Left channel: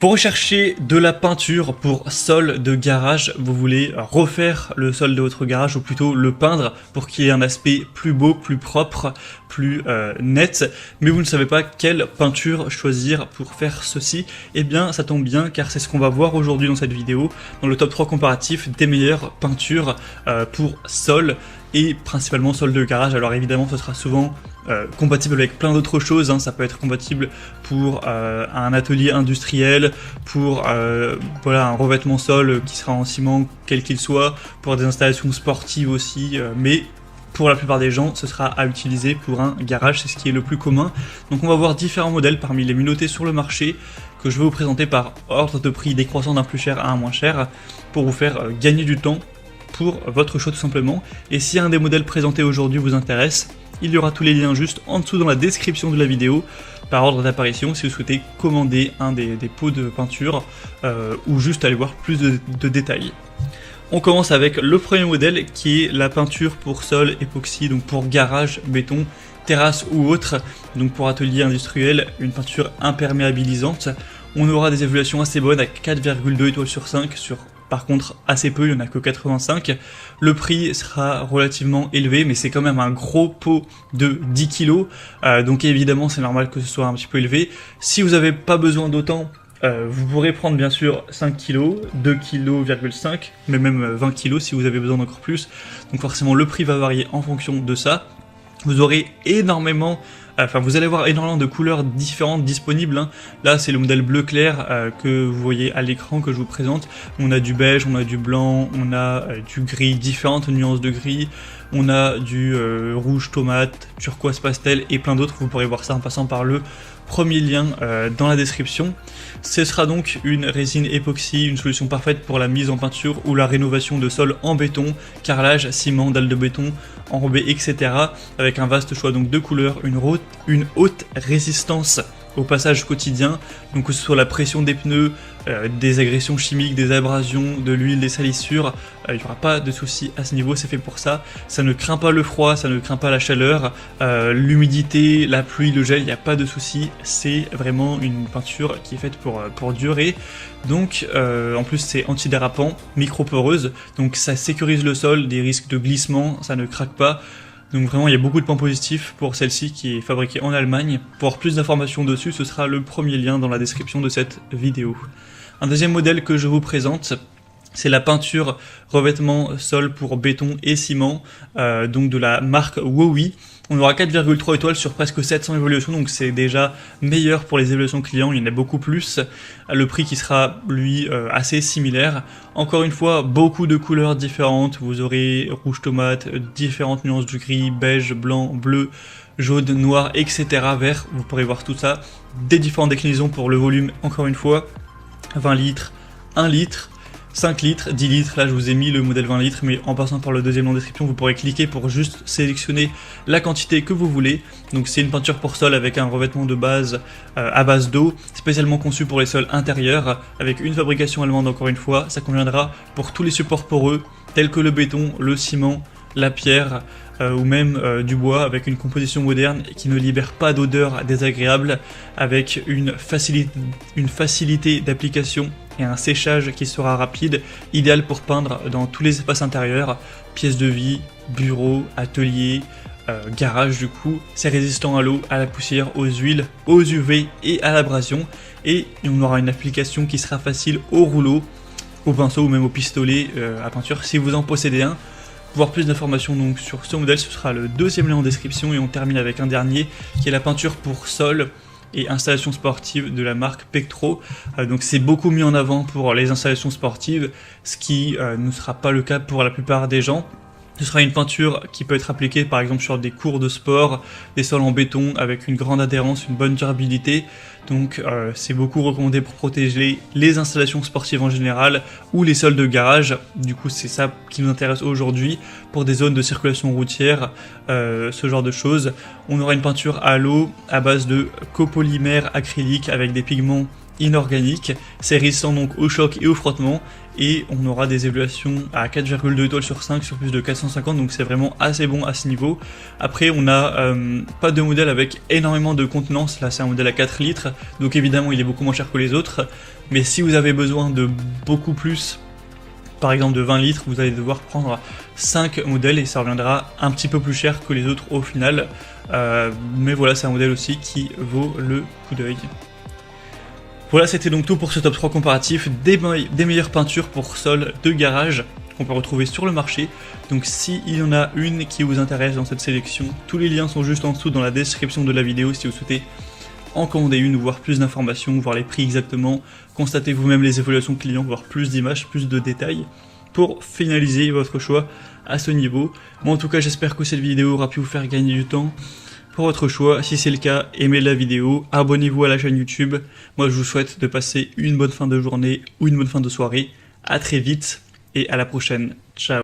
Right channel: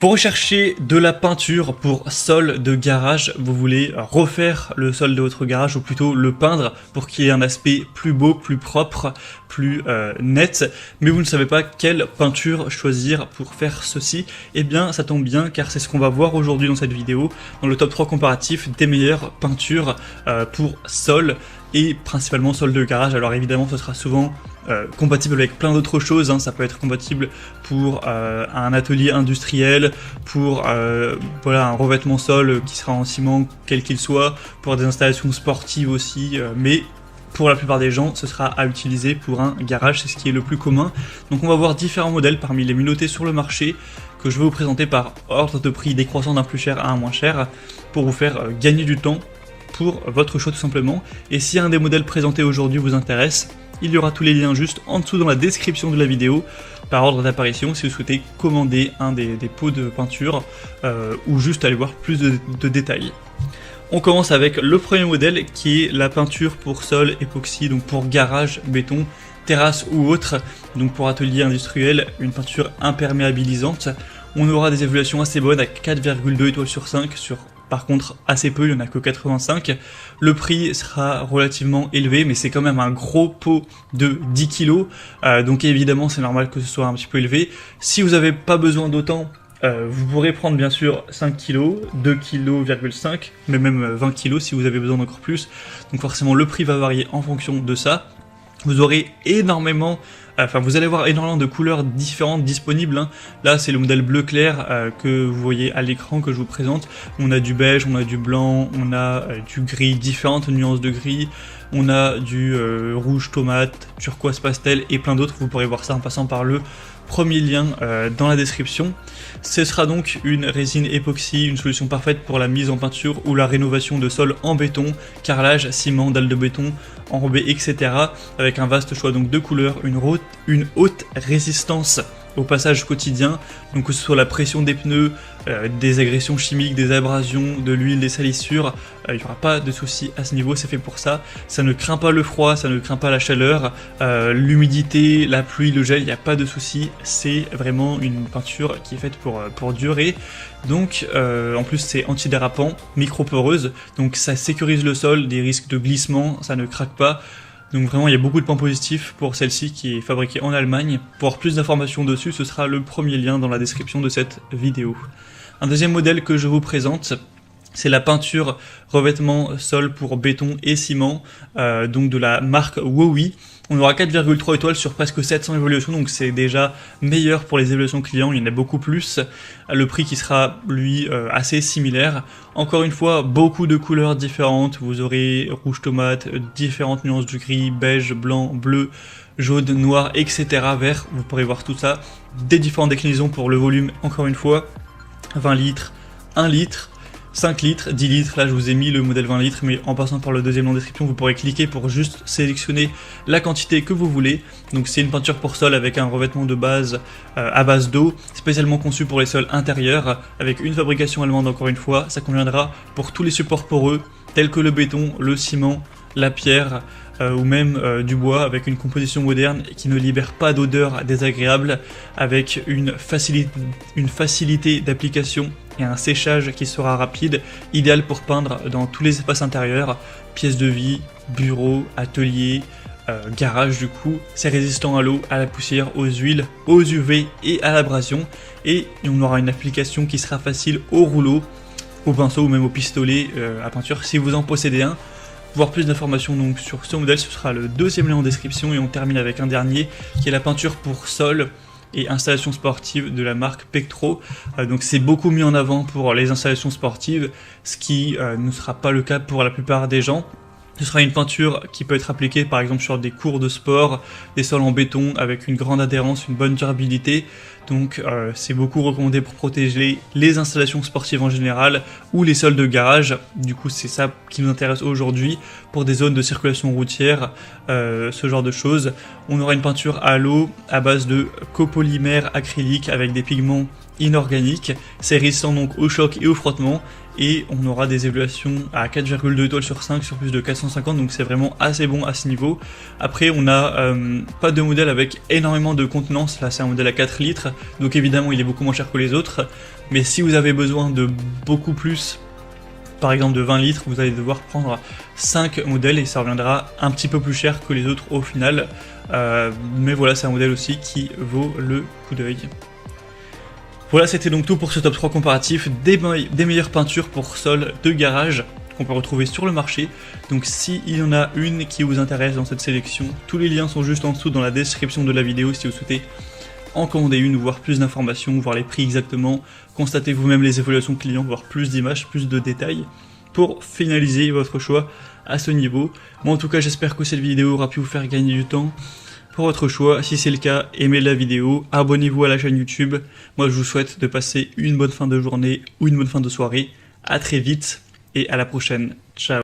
Pour rechercher de la peinture pour sol de garage, vous voulez refaire le sol de votre garage ou plutôt le peindre pour qu'il y ait un aspect plus beau, plus propre, plus net, mais vous ne savez pas quelle peinture choisir pour faire ceci. Eh bien ça tombe bien car c'est ce qu'on va voir aujourd'hui dans cette vidéo, dans le top 3 comparatif des meilleures peintures pour sol et principalement sol de garage. Alors évidemment ça sera souvent compatible avec plein d'autres choses, hein. Ça peut être compatible pour un atelier industriel, pour voilà, un revêtement sol qui sera en ciment quel qu'il soit, pour des installations sportives aussi, mais pour la plupart des gens ce sera à utiliser pour un garage, c'est ce qui est le plus commun. Donc on va voir différents modèles parmi les mieux notés sur le marché que je vais vous présenter par ordre de prix décroissant d'un plus cher à un moins cher pour vous faire gagner du temps pour votre choix tout simplement. Et si un des modèles présentés aujourd'hui vous intéresse, il y aura tous les liens juste en dessous de la description de la vidéo par ordre d'apparition si vous souhaitez commander un des pots de peinture ou juste aller voir plus de détails. On commence avec le premier modèle qui est la peinture pour sol époxy, donc garage, béton, terrasse ou autre. Donc pour atelier industriel, une peinture imperméabilisante. On aura des évaluations assez bonnes à 4,2 étoiles sur 5 sur par contre assez peu, il n'y en a que 85. Le prix sera relativement élevé, mais c'est quand même un gros pot de 10 kg. Donc évidemment c'est normal que ce soit un petit peu élevé. Si vous n'avez pas besoin d'autant, vous pourrez prendre bien sûr 5 kg, 2,5 kg, mais même 20 kg si vous avez besoin d'encore plus. Donc forcément le prix va varier en fonction de ça. Vous aurez vous allez avoir énormément de couleurs différentes disponibles, hein. Là c'est le modèle bleu clair que vous voyez à l'écran que je vous présente. On a du beige, on a du blanc, on a du gris, différentes nuances de gris, on a du rouge tomate, turquoise pastel et plein d'autres. Vous pourrez voir ça en passant par le premier lien dans la description. Ce sera donc une résine époxy, une solution parfaite pour la mise en peinture ou la rénovation de sol en béton, carrelage, ciment, dalle de béton, enrobé, etc. Avec un vaste choix donc de couleurs, une haute résistance au passage quotidien, donc que ce soit la pression des pneus, des agressions chimiques, des abrasions, de l'huile, des salissures, il n'y aura pas de souci à ce niveau, c'est fait pour ça. Ça ne craint pas le froid, ça ne craint pas la chaleur, l'humidité, la pluie, le gel, il n'y a pas de souci. C'est vraiment une peinture qui est faite pour durer. Donc en plus c'est antidérapant, micro-poreuse, donc ça sécurise le sol des risques de glissement, ça ne craque pas. Donc vraiment il y a beaucoup de points positifs pour celle-ci qui est fabriquée en Allemagne. Pour avoir plus d'informations dessus, ce sera le premier lien dans la description de cette vidéo. Un deuxième modèle que je vous présente, c'est la peinture revêtement sol pour béton et ciment, donc de la marque Wowi. On aura 4,3 étoiles sur presque 700 évaluations, donc c'est déjà meilleur pour les évaluations clients, il y en a beaucoup plus. Le prix qui sera lui assez similaire. Encore une fois, beaucoup de couleurs différentes. Vous aurez rouge tomate, différentes nuances de gris, beige, blanc, bleu, jaune, noir, etc. Vert. Vous pourrez voir tout ça. Des différentes déclinaisons pour le volume. Encore une fois, 20 litres, 1 litre, 5 litres, 10 litres. Là, je vous ai mis le modèle 20 litres, mais en passant par le deuxième lien en description, vous pourrez cliquer pour juste sélectionner la quantité que vous voulez. Donc, c'est une peinture pour sol avec un revêtement de base à base d'eau, spécialement conçu pour les sols intérieurs, avec une fabrication allemande encore une fois. Ça conviendra pour tous les supports poreux, tels que le béton, le ciment, la pierre, ou même du bois, avec une composition moderne et qui ne libère pas d'odeur désagréable, avec une facilité d'application et un séchage qui sera rapide, idéal pour peindre dans tous les espaces intérieurs, pièces de vie, bureaux, ateliers, garage du coup. C'est résistant à l'eau, à la poussière, aux huiles, aux UV et à l'abrasion, et on aura une application qui sera facile au rouleau, au pinceau ou même au pistolet, à peinture si vous en possédez un. Pour avoir plus d'informations donc sur ce modèle, ce sera le deuxième lien en description, et on termine avec un dernier qui est la peinture pour sol et installations sportives de la marque Pectro. Donc c'est beaucoup mis en avant pour les installations sportives, ce qui ne sera pas le cas pour la plupart des gens. Ce sera une peinture qui peut être appliquée par exemple sur des cours de sport, des sols en béton avec une grande adhérence, une bonne durabilité. Donc c'est beaucoup recommandé pour protéger les installations sportives en général ou les salles de garage. Du coup c'est ça qui m'intéresse aujourd'hui pour des zones de circulation routière, ce genre de choses. On aura une peinture à l'eau à base de copolymère acrylique avec des pigments inorganiques. C'est résistant donc au choc et au frottement et on aura des évaluations à 4,2 étoiles sur 5 sur plus de 450, donc c'est vraiment assez bon à ce niveau. Après on a pas de modèle avec énormément de contenance, là c'est un modèle à 4 litres, donc évidemment il est beaucoup moins cher que les autres, mais si vous avez besoin de beaucoup plus, par exemple de 20 litres, vous allez devoir prendre 5 modèles et ça reviendra un petit peu plus cher que les autres au final, mais voilà, c'est un modèle aussi qui vaut le coup d'œil. Voilà, c'était donc tout pour ce top 3 comparatif des meilleures peintures pour sol de garage qu'on peut retrouver sur le marché. Donc s'il y en a une qui vous intéresse dans cette sélection, tous les liens sont juste en dessous dans la description de la vidéo si vous souhaitez en commander une ou voir plus d'informations, voir les prix exactement, constater vous-même les évaluations clients, voir plus d'images, plus de détails pour finaliser votre choix à ce niveau. Moi en tout cas j'espère que cette vidéo aura pu vous faire gagner du temps pour votre choix. Si c'est le cas, aimez la vidéo, abonnez-vous à la chaîne YouTube. Moi je vous souhaite de passer une bonne fin de journée ou une bonne fin de soirée. À très vite et à la prochaine. Ciao.